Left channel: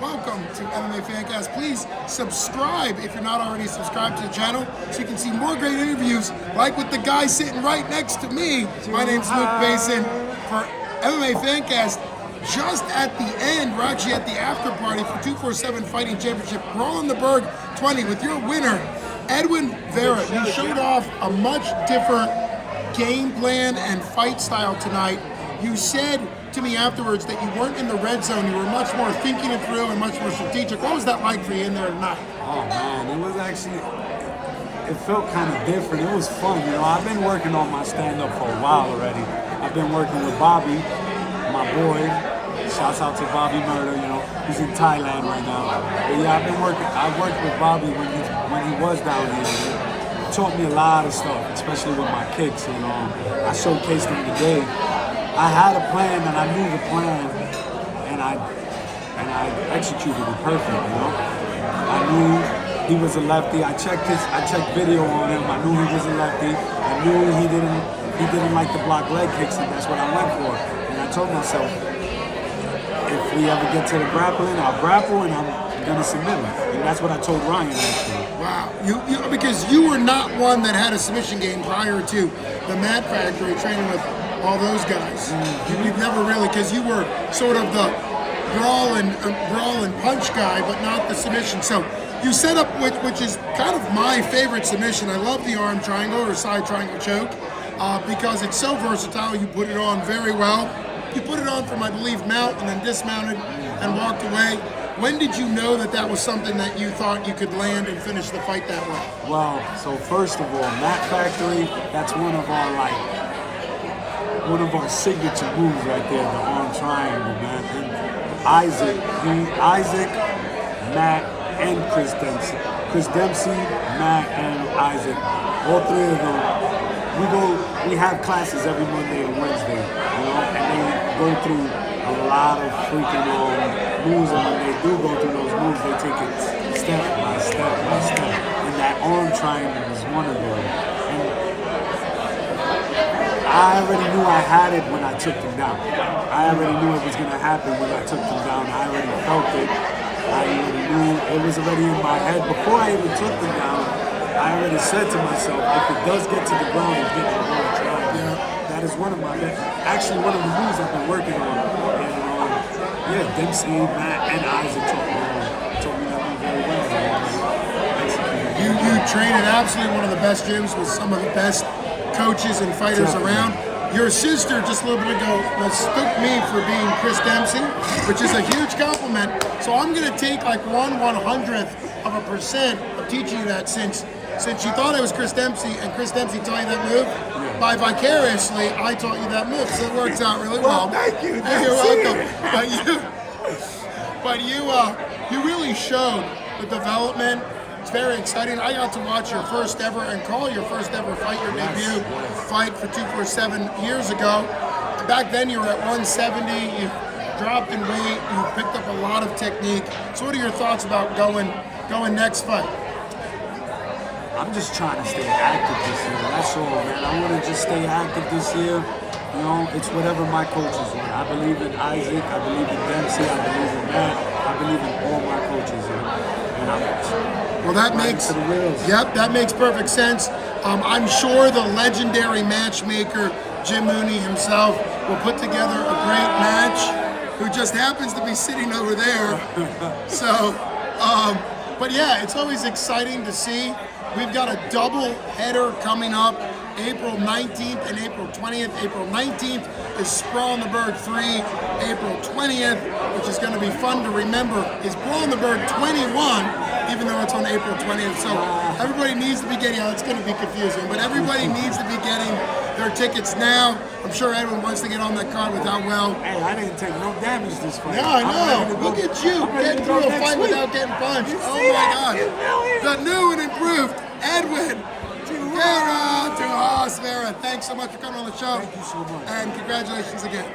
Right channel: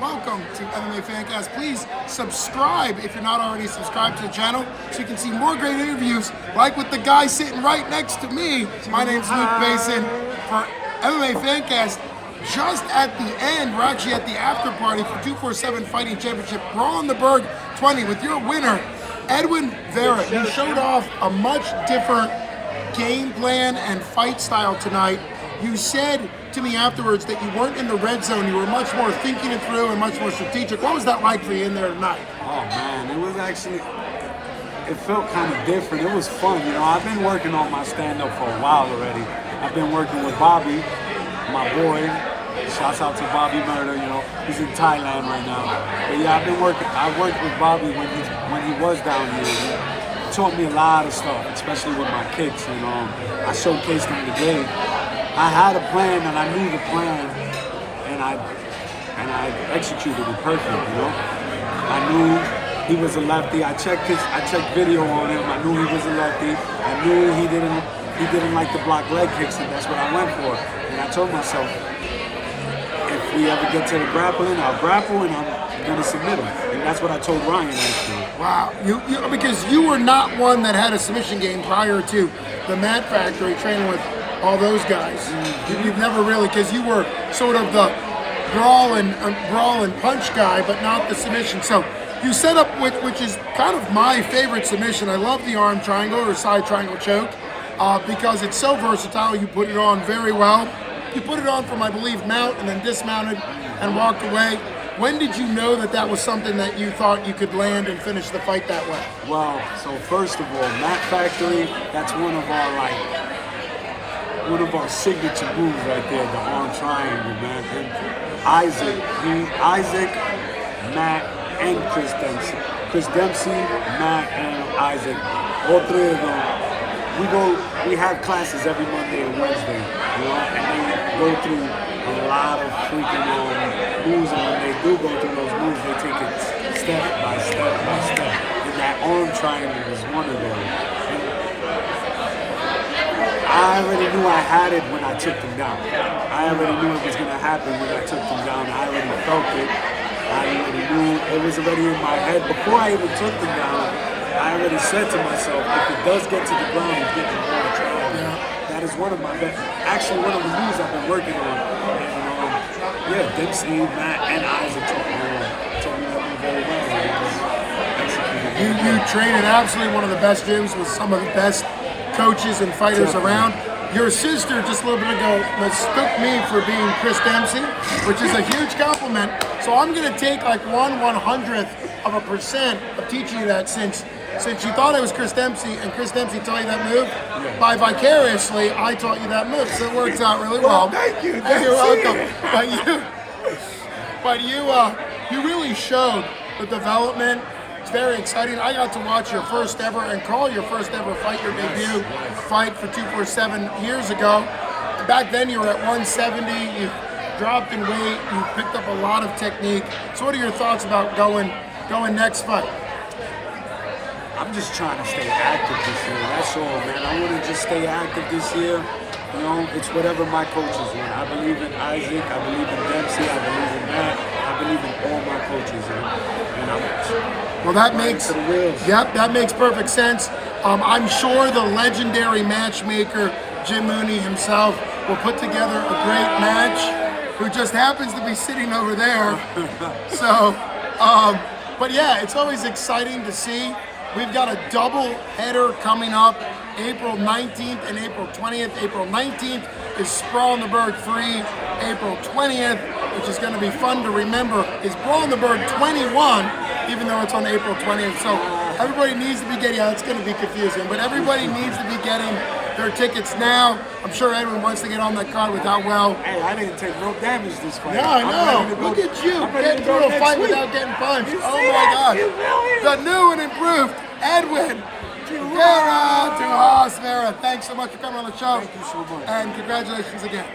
Welcome to MMA Fancast. Please subscribe if you're not already subscribed to the channel so you can see more great interviews like with the guy sitting right next to me. My name's Luke Basin for MMA Fancast. Just at the end, we're actually at the after party for 247 Fighting Championship Brawl in the Burgh 20 with your winner, Edwin Vera. You showed off a much different game plan and fight style tonight. You said to me afterwards that you weren't in the red zone, you were much more thinking it through and much more strategic. What was that like for you in there tonight? Oh man, it was actually, it felt kind of different. It was fun, you know. I've been working on my stand-up for a while already. I've been working with Bobby, my boy. Shouts out to Bobby Murder, you know. He's in Thailand right now. But yeah, I worked with Bobby when he was down here. He taught me a lot of stuff, especially with my kicks, and I showcased him today. I had a plan and I knew the plan, and I executed it perfect, you know. I knew he was a lefty. I checked video on him. I knew he was a lefty. I knew he didn't like to block leg kicks, and that's what I went for. And I told myself, if we ever get to the grappling, I'll grapple and I'm gonna submit him. And that's what I told Ryan actually. Wow, you because you were not one that had a submission game prior to the Mat Factory training with all those guys. You've never really, because you were sort of the brawl and punch guy, but not the submission. So you set up, which is kind of my favorite submission. I love the arm triangle or side triangle choke because it's so versatile. You put it on very well. You put it on from, I believe, mount and then dismounted and walked away. When did you know that that was something that you thought you could land and finish the fight that way? Well, so first of all, Mat Factory, that's one of our signature moves right there, the arm triangle, man. And Isaac, Matt, and Chris Dempsey. Chris Dempsey, Matt, and Isaac. All three of them, we have classes every Monday and Wednesday, you know, and they go through a lot of freaking moves, and when they do go through those moves, they take it step by step by step. And that arm triangle was one of those. I already knew I had it when I took them down. I already knew it was going to happen when I took them down. I already felt it. I already knew it was already in my head. Before I even took them down, I already said to myself, if it does get to the ground, it's getting a hard trial. Yeah. That is one of one of the moves I've been working on. And yeah, Dempsey, Matt, and Isaac taught me that move very well. You train at absolutely one of the best gyms with some of the best coaches and fighters around. Your sister just a little bit ago mistook me for being Chris Dempsey, which is a huge compliment. So I'm gonna take like 1/100% of teaching you that since you thought I was Chris Dempsey and Chris Dempsey taught you that move. Yeah. By vicariously, I taught you that move, so it works out really well. Thank you. You're welcome. But you really showed the development. It's very exciting. I got to watch your first ever and call your first ever fight, your debut fight for 247 years ago. Back then you were at 170, you dropped in weight, you picked up a lot of technique. So what are your thoughts about going next fight? I'm just trying to stay active this year, that's all, man. I want to just stay active this year. You know, it's whatever my coaches want. I believe in Isaac, I believe in Dempsey, I believe in Matt, I believe in all my coaches. Well, that makes perfect sense. I'm sure the legendary matchmaker Jim Mooney himself will put together a great match, who just happens to be sitting over there. So, but yeah, it's always exciting to see. We've got a double header coming up, April 19th and April 20th. April 19th is Brawl in the Burgh 3. April 20th, which is going to be fun to remember, is Brawl in the Burgh 21, even though it's on April 20th. So everybody needs to be getting, it's going to be confusing, but everybody needs to be getting their tickets now. I'm sure Edwin wants to get on that card without well. Hey, I didn't take no damage this fight. Yeah, I know. Look at you getting through a fight without getting punched. Oh my God. The new and improved Edwin Vera. Thanks so much for coming on the show. Thank you so much. And congratulations again.